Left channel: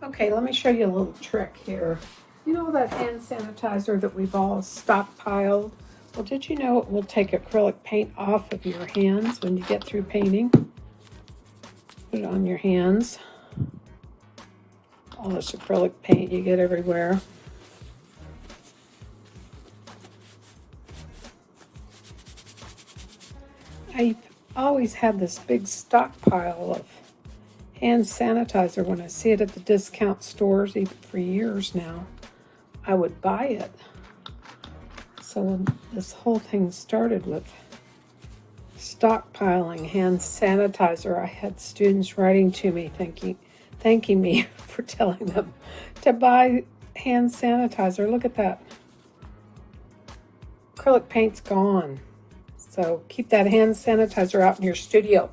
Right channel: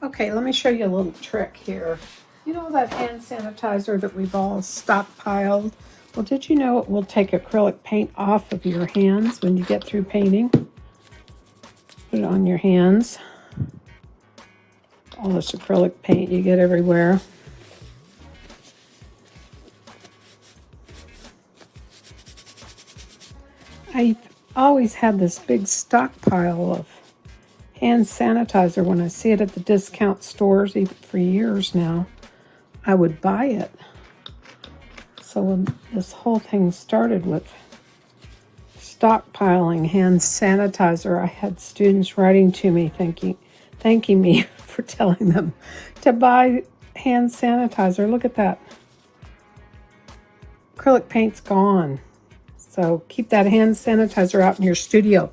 Okay, let me show you a little trick here. You know that hand sanitizer that we've all stockpiled? Well, did you know it will take acrylic paint off of your hands when you get through painting? Put it on your hands. All this acrylic paint you get everywhere. I've always had this big stockpile of hand sanitizer. When I see it at the discount stores, even for years now, I would buy it. So when this whole thing started with stockpiling hand sanitizer, I had students writing to me thanking me for telling them to buy hand sanitizer. Look at that. Acrylic paint's gone. So keep that hand sanitizer out in your studio.